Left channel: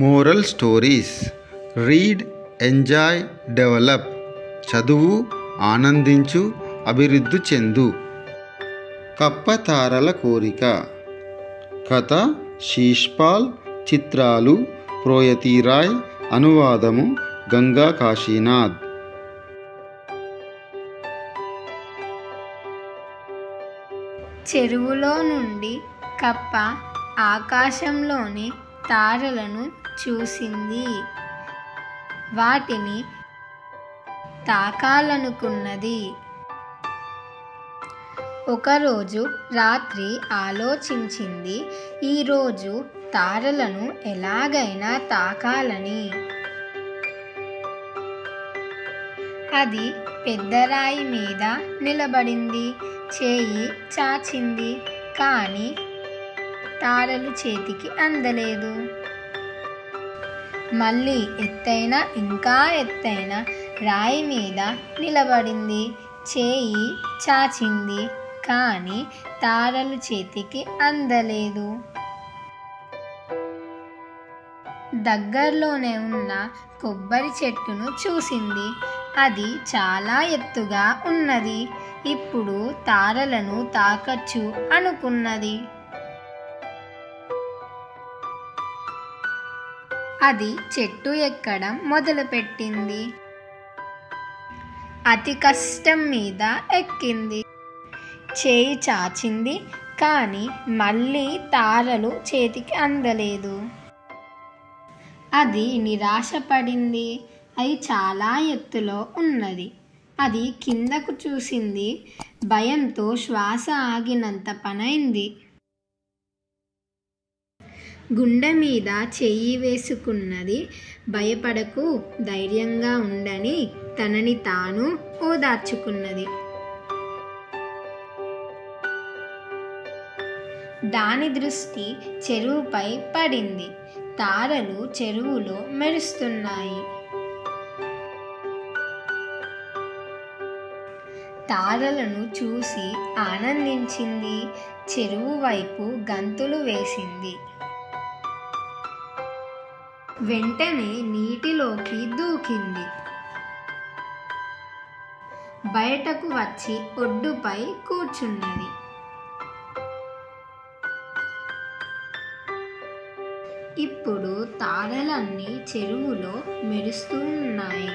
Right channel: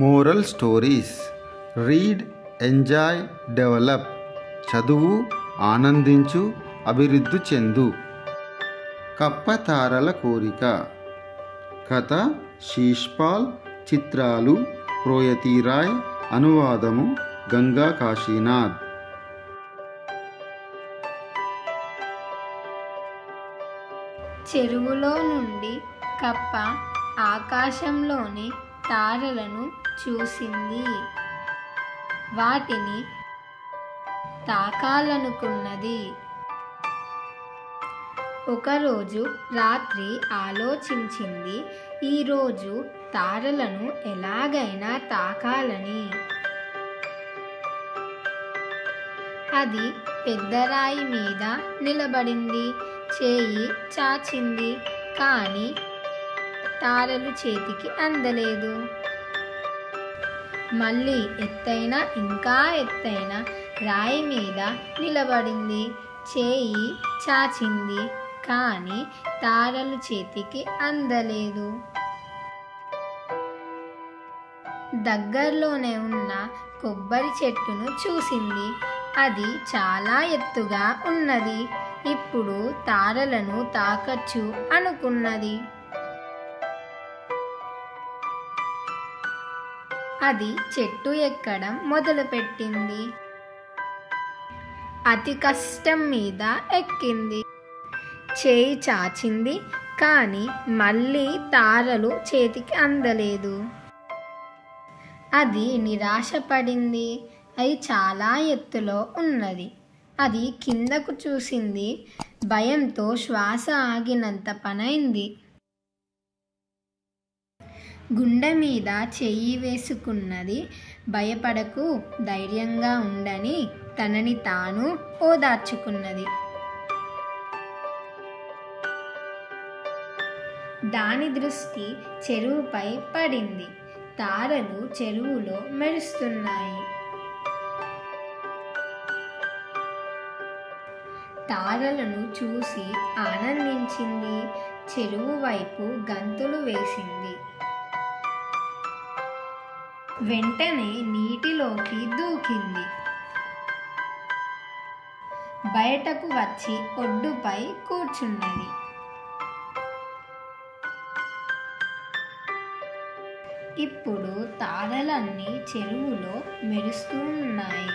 Moral stories. Read, enjoy, develop. చదువు, ఆనందించు, అభివృద్ధి చెందు. కప్పతారల కోరిక. కథ శీష్పాల్. చిత్రాలు ప్రోయతీరాయ్. అనువాదము గంగా కాశీనాథ్. చెరువులో నుండి కప్ప ఆకాశంలోని తారలను చూసింది. వాటిని తాకాలనుకున్నది. ఒకరోజు రాత్రి ఆలోచించింది, ఈరోజు తారలను ఎలాగైనా తాకాలని. అది పెద్ద రాయి మీద నిలబడింది. చేయి చాచింది, కానీ తారలు చేతికి అందలేదు. మళ్ళీ ఎత్తైన, ఇంకా ఎత్తైన రాయి మీద నిలబడింది. చేయి చాచింది, కానీ తారలు చేతికి అందలేదు. దగ్గరలోనే ఉన్న కొబ్బరి చెట్టును చూసింది. అది చాలా ఎత్తుగా ఉన్నది. ఇప్పుడు తారలను తాకచ్చు అనుకున్నది. అది చెట్టు ఎక్కడం మొదలుపెట్టింది. అతి కష్టం మీద ఎక్కింది. చేయి చాచింది, కానీ మళ్ళీ తారలు చేతికి అందలేదు. అది నిరాశపడింది. అది చాలా ఎత్తులో ఉన్నది. అది కిందకు చూసింది. భయంతో శ్వాస ఆగినంత పనైంది. గుండె మీద చెయ్యి వేసుకున్నది. భయపడకు, ధైర్యంగా ఉండని తనని తాను ఓదార్చుకున్నది. దాని దృష్టి చెరువుపై పడింది. తారలు చెరువులో మెరుస్తున్నాయి. తారలను చూసి ఆనందించింది. చెరువు వైపు గంతులు వేసింది. వెంటనే నీటిలోకి దూకింది. బయటకు వచ్చి ఒడ్డుపై కూర్చున్నది. ఇప్పుడు తారలన్నీ చెరువులో మెరుస్తూ ఉన్నాయి.